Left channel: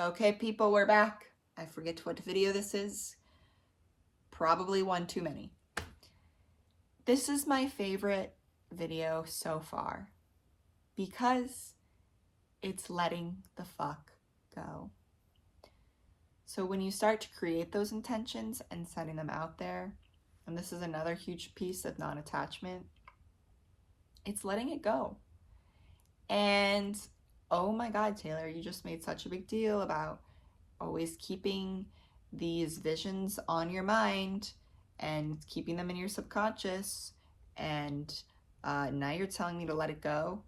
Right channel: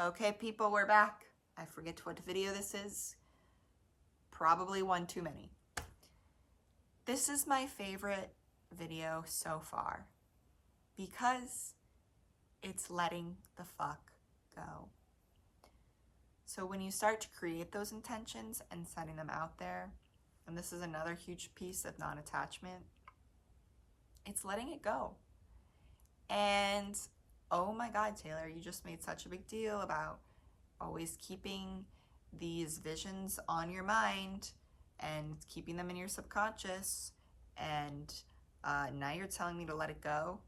Okay, people, we're back. I forget what video this is. Probably one too many. This is my favorite video so far because it's letting the fuck go. So when you start to create those intentions and setting them out there, and this is another huge piece of non-attachment, it's letting it go. And oh my God, Taylor, you just made such a big deal about always keeping these visions on your mind and keeping them in your subconscious, and now you're telling me to let it go?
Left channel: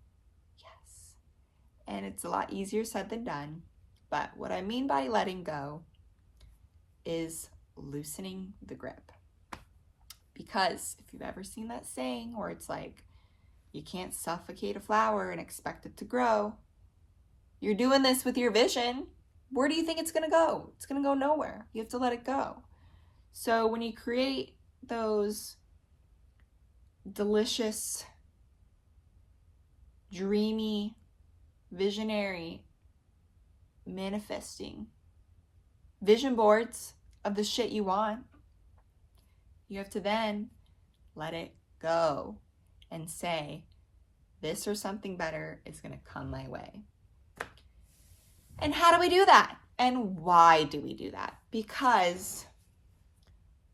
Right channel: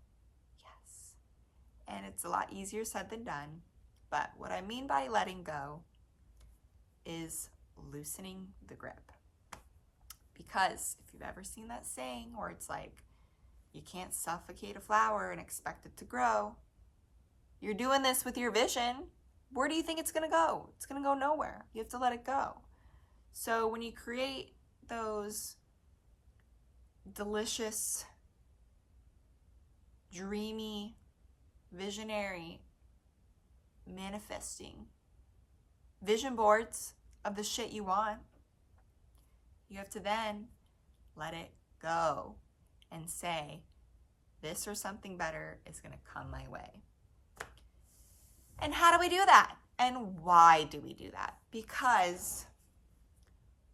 Yes. And it's a lot easier said than done, but what I mean by letting go is loosening the grip. Because if you've ever seen that saying where it's like, you can't suffocate a flower and expect it to grow, you're doing this with your vision. Where do you think it's gonna go? It's gonna go nowhere. You have to let it go. So when you create those delicious, dreamy, visionary, manifesting vision boards of the shit you want, you have to then let it go and say, this or something better is gonna come my way. And how do we do that? And why do we do that? Because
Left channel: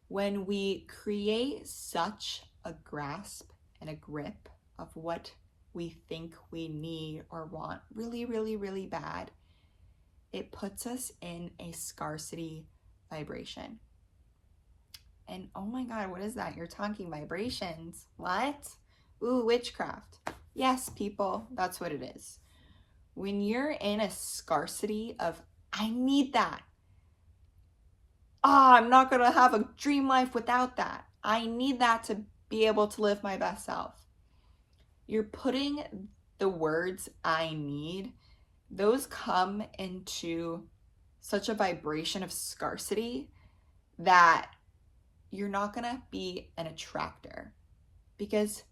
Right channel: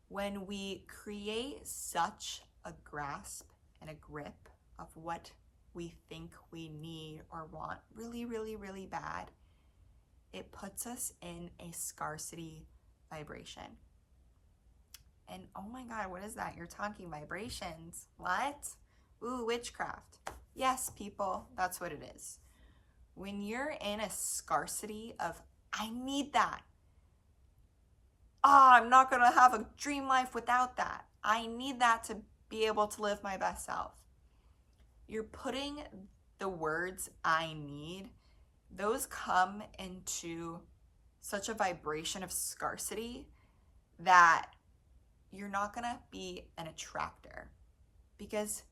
when we create such a grasp and a grip of what we think we need or want really, really, really bad, it puts us in a scarcity vibration. And oh my God, what is that? You're talking vibrations. What? Ooh, witchcraft. Yes, people, that's what it is. When you're in a scarcity of, I need that. I'm not gonna have a dream life without that. I need that to be able to live my best self. You're putting the words I need, those come into such a vibration of scarcity that you're not gonna be an attractor. Because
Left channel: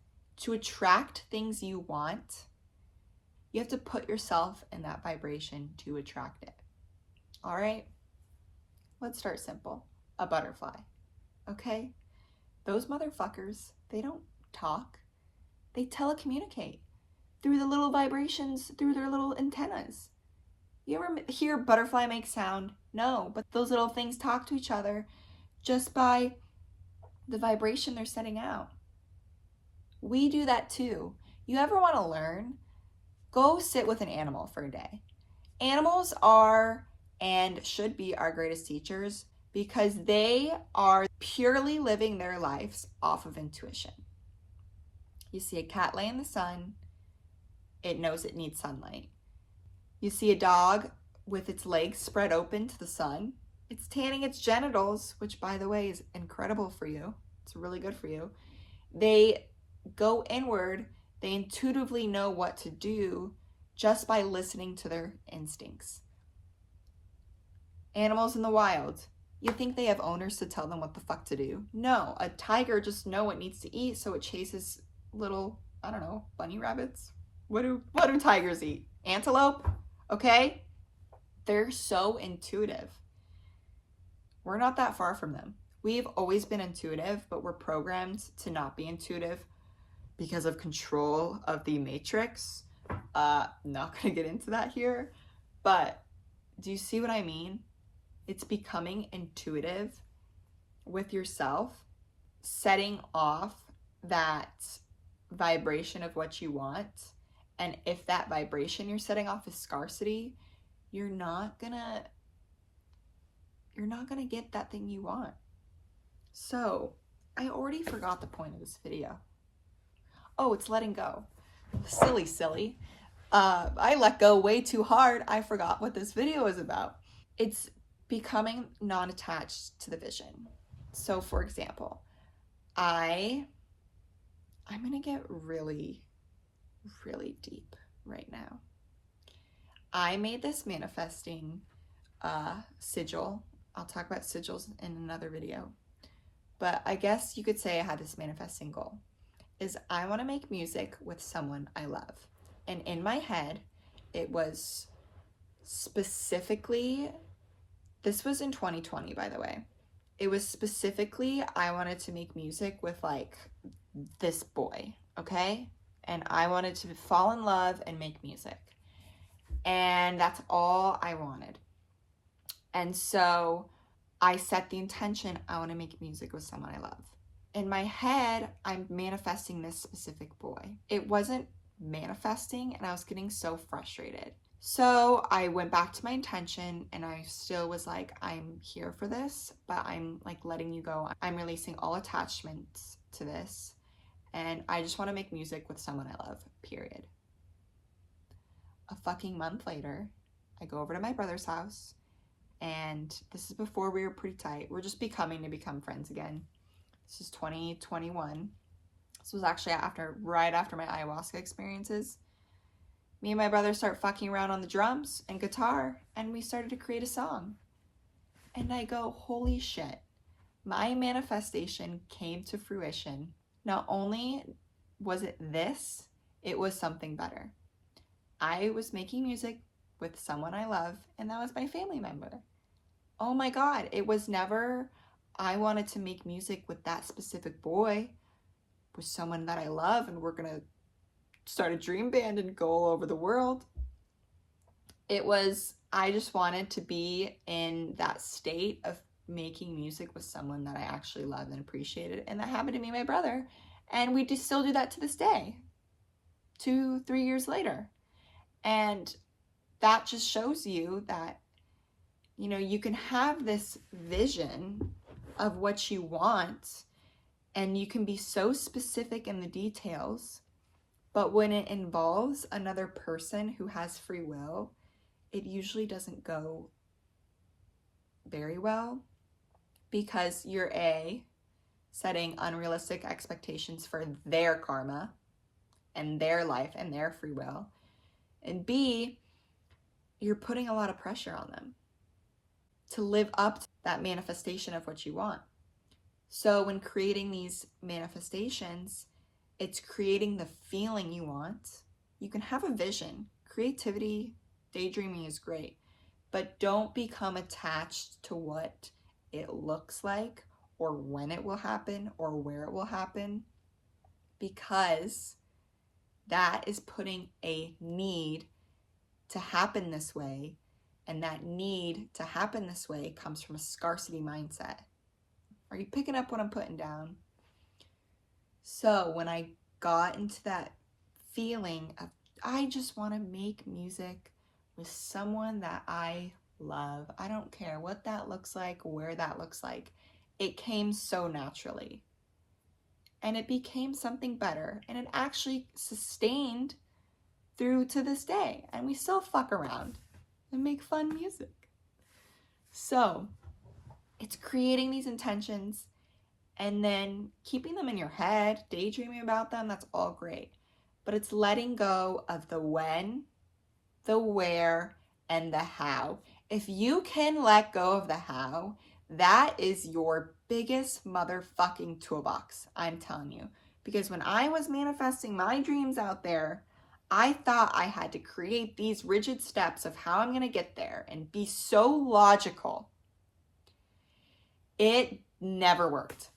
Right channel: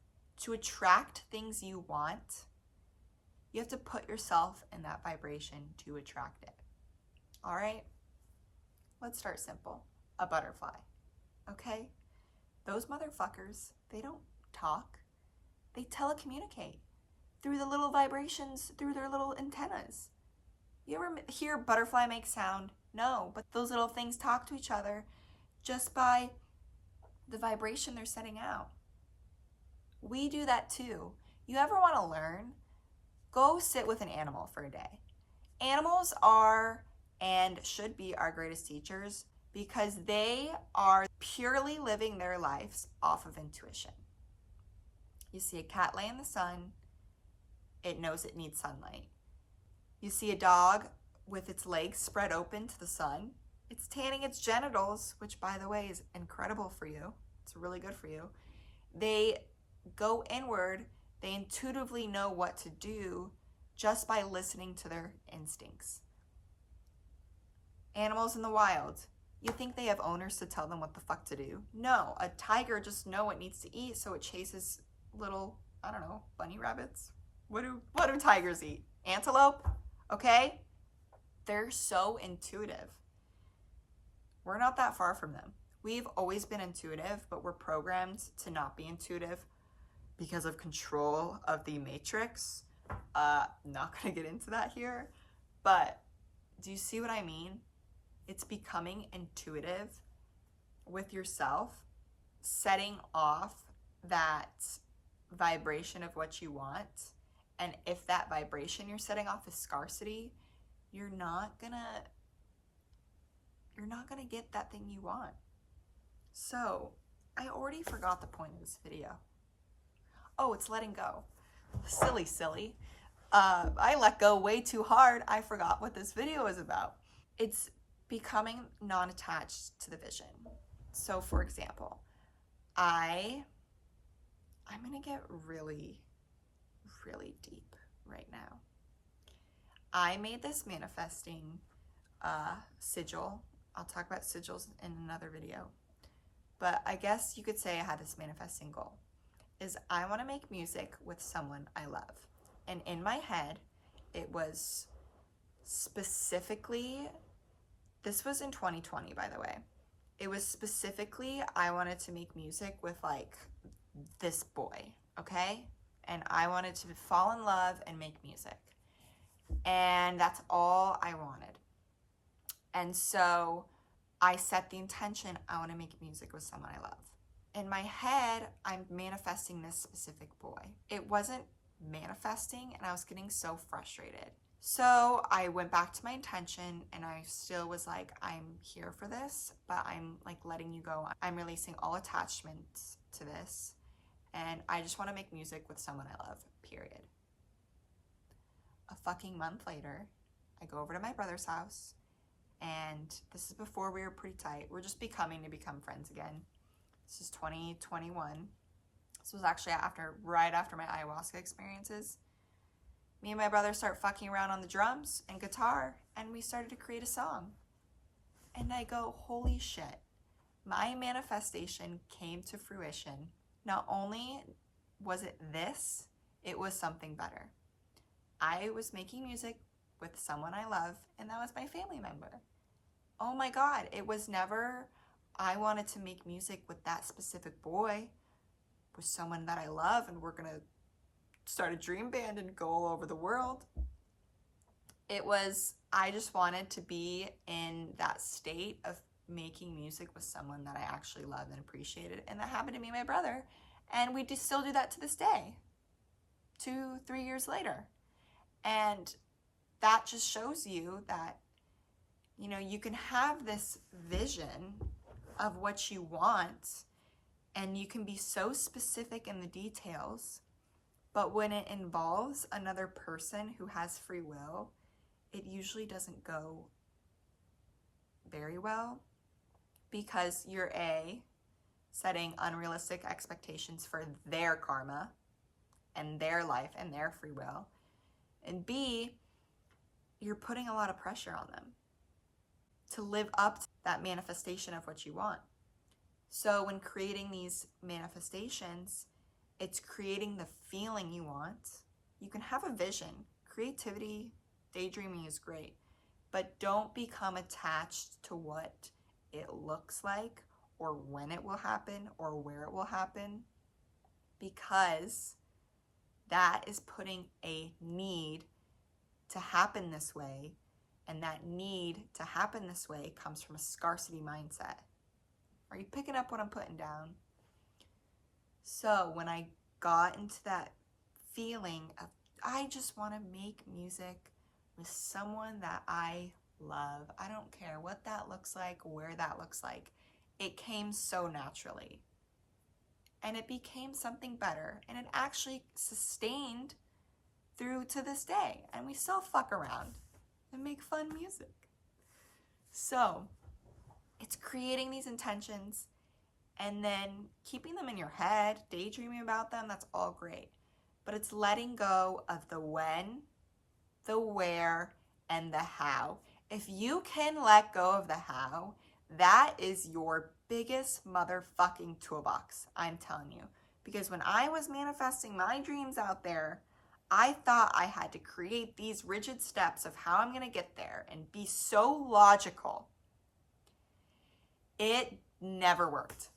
to attract things you want, you have to put yourself in that vibration to attract it. All right? Let's start simple. A butterfly. Okay? Those motherfuckers, they don't talk. They telecommunicate through the little vibrations, through their little antennas. You ever hear a butterfly make sound? No, but those little things talk to each other just by the vibration they're sending out. We do that too. You ever want to learn? Go sit with an animal for a day. Animals are and should be our greatest teachers because they are purely living their lives off of intuition. You see a cat lay in the sun, it knows it needs sunlight. You see a dog with its legs spread open to the sun, it's tanning its genitals, which by the way is incredible for you. It's really good for you. They go inward, they intuitively know what to do just by listening to their instincts. Animals in the wild, you think they have owners to tell them what the fuck to do? No, a tiger just knows it needs to eat, so it chases little, I don't know, bunny rabbits. What do tigers eat? Antelope? Okay? They're so intuitive. We're not that far from them. We've always been intuitive, but we're programmed to not be intuitive because of control of the matrix. Not gonna get into that here, but do you see what I mean? It's becoming intuitive with yourself, setting off that vibration of what you want. And if that vibration you're setting off is scarcity, you're not gonna get that thing you want. So I already forgot the point of this video. Oh, it's letting go. Silly. I let go way too hard. I forgot what this video is about. It's becoming non-attached to the vision. So for example, I'm gonna get really, really deep right now. I made this manifesting sigil. I'll talk about sigils in another video. But I guess you could say I had this manifesting goal. Is I want to make music with someone I love. And in my head, it was Specifically, this was in 2020, by the way. It was specifically, I wanted to make music with like this boy, okay? And I wanted to fall in love and make music. And that's all I wanted. And so I set the intention, I want to make music with someone I love. In my head, I'm manifesting this specific boy. It wasn't manifesting, and I was getting so frustrated. So I went back to my intention, and I still was like, I'm here for this, but I'm like letting you go. I'm releasing all attachments to this, and I just want to make music with someone I love, period. A fucking month later, I go over to my brother's house, and this is before we were pretty tight. We're just becoming to become friends again. This is 2021. This was actually right after my ayahuasca experiences. Me and my brother start fucking around on the drums and guitar, and we started to create a song. And I go, holy shit, my manifestation came to fruition. Not only was it this, it was something better. I was making music with someone I love, and that was my family member. Oh my God, it was never, I wanted to make music with that specific boy, with someone that I love, and we're gonna start a dream band and go all over the world. It was, I just wanted to be in that state of making music with someone that I actually loved and appreciated, and that happened to me and my brother, and we still do that to this day, 2-3 years later. And that just shows you that, you know, you can have this vision of what you want, and you can be so specific in the details, but when it involves another person who has free will, it usually doesn't go very well, because you're setting unrealistic expectations for their karma and their life and their free will, and B, you're putting a lot of pressure on them to live up to that manifestation of what you want. So when creating these manifestations, it's creating the feeling you want. You can have a vision. Creativity, daydreaming is great, but don't become attached to what it looks like or when it will happen or where it will happen, because that is putting a need to happen this way, and that need to happen this way comes from a scarcity mindset. Are you picking up what I'm putting down? So when I got into that feeling of, I just want to make music with someone that I love, I don't care what that looks like, where that looks like, it came so naturally. And it became something better, and it actually sustained through to this day, and we still fuck around and make fun music. So it's creating these intentions and then keeping them in your head, daydreaming about them, that's all great. But it's letting go of the when, the where, and the how. If you can let go of the how, that is your biggest motherfucking toolbox, I'm telling you. Because when I was manifesting my dreams out there, I thought I had to create these rigid steps of how I'm going to get there and be so logical. It never worked.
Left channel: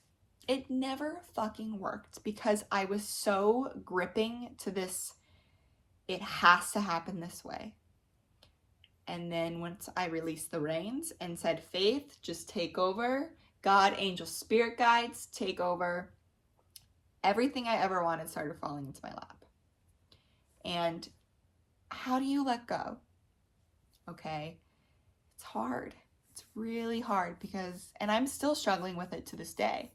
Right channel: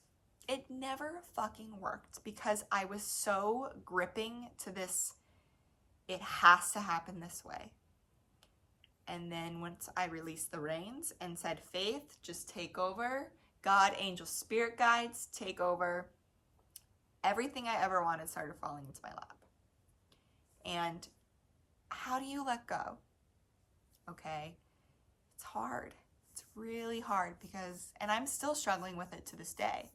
It never fucking worked, because I was so gripping to this, it has to happen this way. And then once I released the reins and said, Faith, just take over. God, angel, spirit guides, take over. Everything I ever wanted started falling into my lap. And how do you let go? Okay, it's hard. It's really hard, because, and I'm still struggling with it to this day.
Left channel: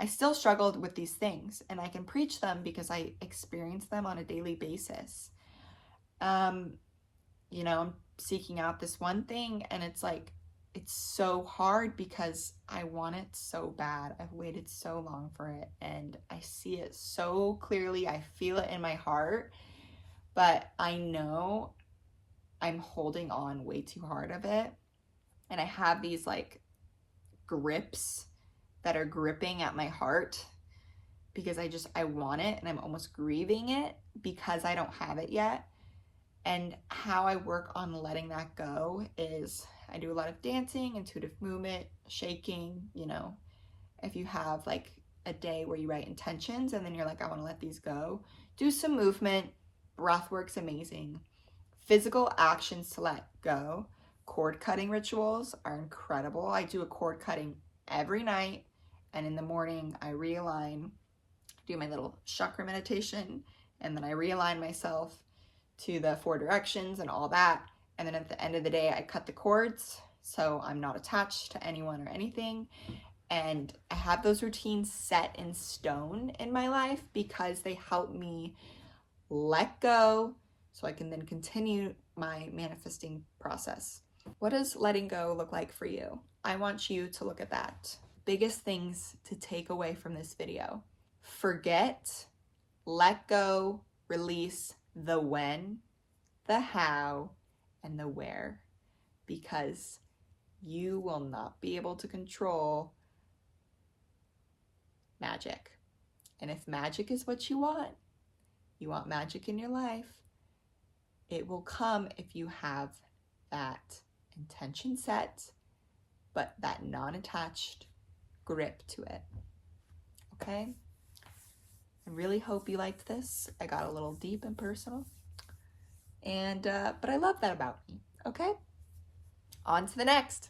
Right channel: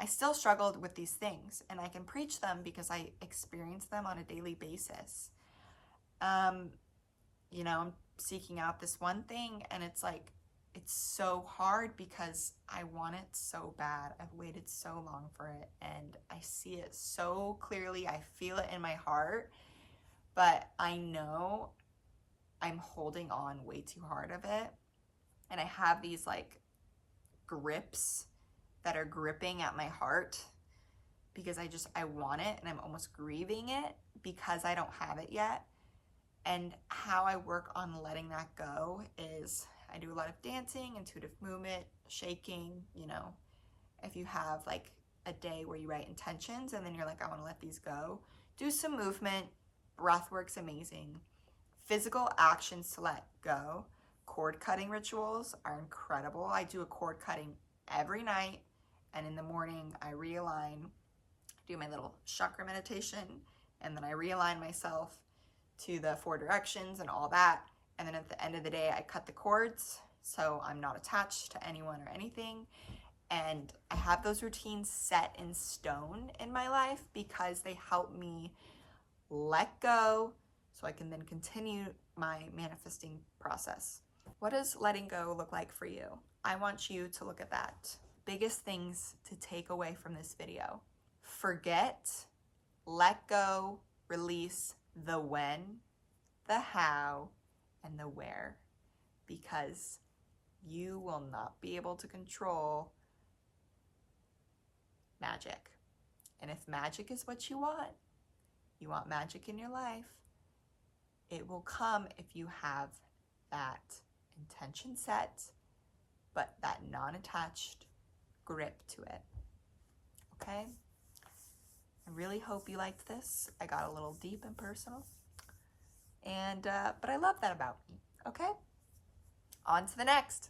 I still struggled with these things, and I can preach them because I experience them on a daily basis. You know, I'm seeking out this one thing, and it's like, it's so hard because I want it so bad. I've waited so long for it, and I see it so clearly. I feel it in my heart, but I know I'm holding on way too hard of it. And I have these like grips that are gripping at my heart, because I want it, and I'm almost grieving it because I don't have it yet. And how I work on letting that go is I do a lot of dancing, intuitive movement, shaking, you know. If you have like a day where you write intentions and then you're like, I want to let these go, do some movement. Breath work's amazing. Physical actions to let go. Cord cutting rituals are incredible. I do a cord cutting every night, and in the morning I realign, do my little chakra meditation, and then I realign myself to the 4 directions and all that. And then at the end of the day, I cut the cords so I'm not attached to anyone or anything. And I have those routines set in stone in my life because they help me let go so I can then continue my manifesting process. What does letting go look like for you? I want you to look at that. Biggest things to take away from this video. Forget, let go, release the when, the how, and the where, because you will not be able to control magic. And if magic is what you want magic in your life, it will come if you have that intention set, but that non-attached grip to it. Okay? I really hope you liked this. I got a little deep and personal. And, but I love that about me. Okay? On to the next.